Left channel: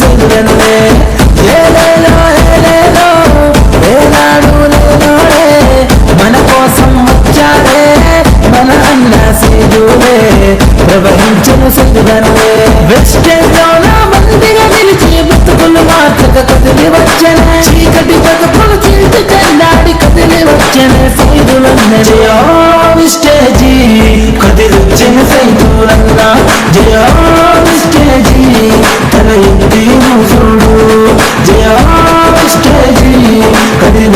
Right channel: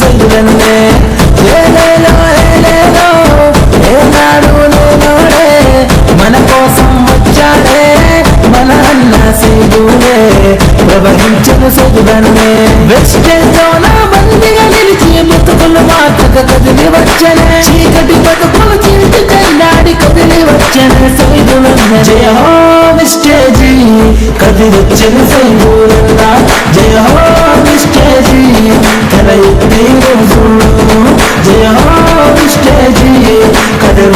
సూరన్నే ఏలేలో ఏలేలో ఏనాడు లేనోడే మన కోసం వచ్చాడే మన అన్న సీదులే. ప్రవహించను సదుగన్నే వెస్టేజ్ లోన మందిగా నిలిచి బతుకులు మార్చక కదిలి వచ్చనే. చీకటి బతుకులు చీల్చి చెండాడి కదిలి వచ్చనే సైదులన్నే. స్టేజీ కదిలొచ్చిన సైదులన్న.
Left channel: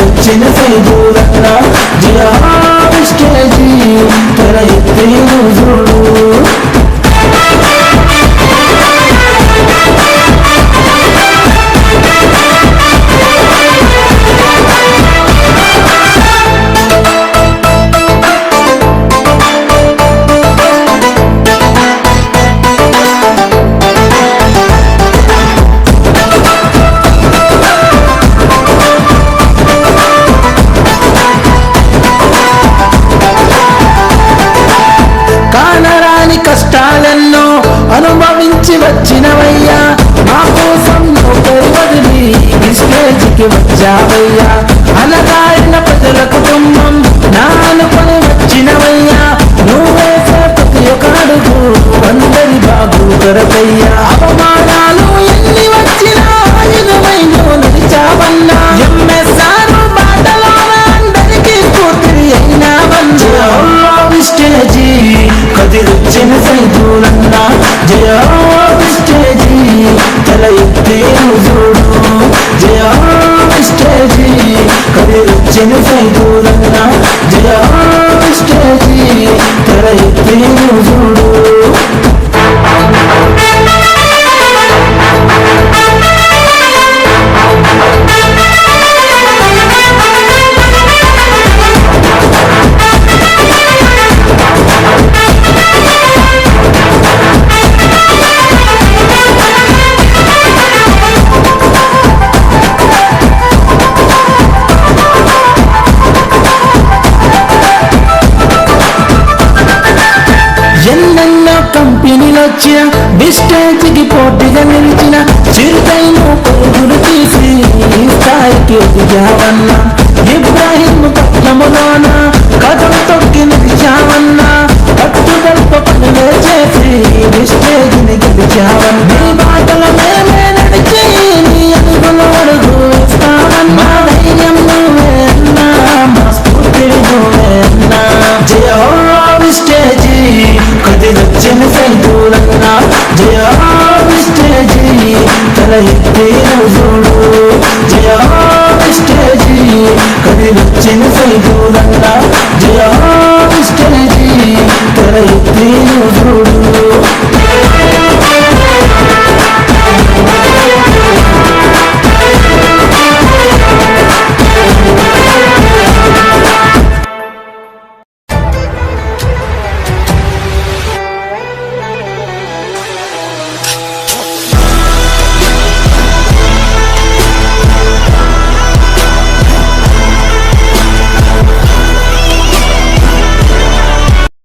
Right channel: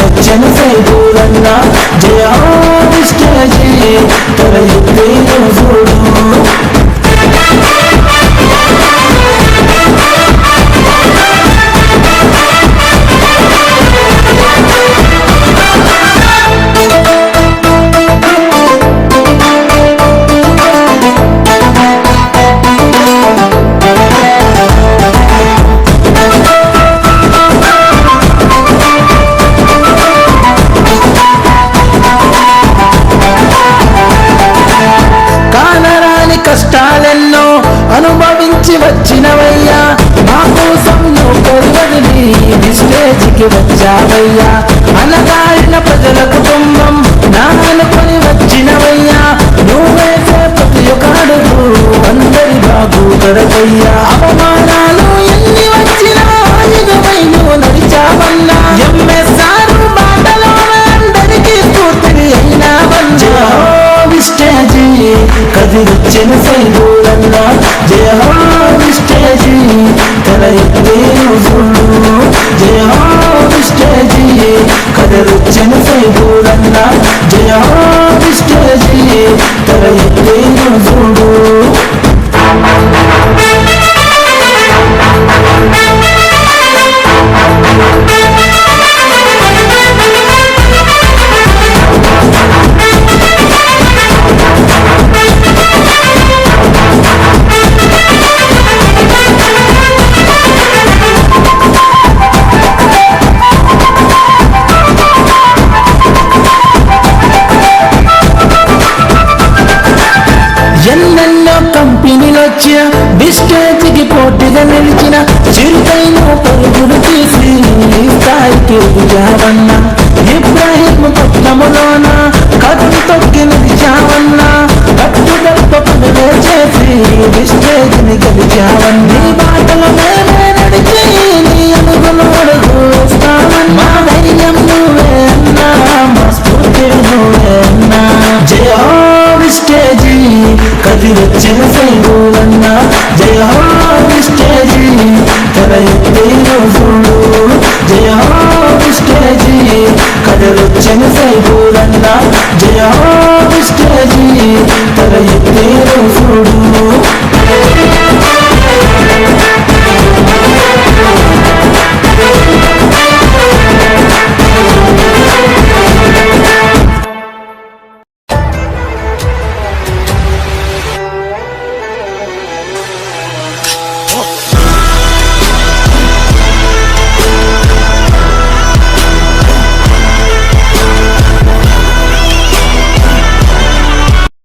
కదిలొచ్చిన సైదులన్న జయ స్టేజీ తల ఎత్తి మోసుడు అనుభవించి వచ్చినవయ్యా. మా కోసం నౌకరి వదిలి ఈ వచ్చావయ్యా. అనగాడిన ప్రజల కుటుంబం నా అనుకొని వచ్చినవయ్యా. నువ్వేసే ప్రతి ఒక్క అడుగు అందరి బాగు కొరకయ్యా. అవమానా కంపెనీలొచ్చిన కంపెనీలు వచ్చిన పోటీగా నిలిచిన చిరుతైన పరుగులు తీసి స్థాయికి ఎదిగావన్నా ఇబ్రాహిం పట్నములోన కథం తొక్కి నిలిచావన్నా కట్టుదల్ప పనులే చేసి బిస్టేజ్ని గెలిచావన్నా. నీ బాటలో మేమే నడిచి నీ అడుగులు అడుగు వేస్తావన్నా. మా ధైర్యం నువ్వే అన్నా మా స్ఫూర్తి నువ్వే అన్నా. వచ్చింది దూరంగా జియో స్టేజీ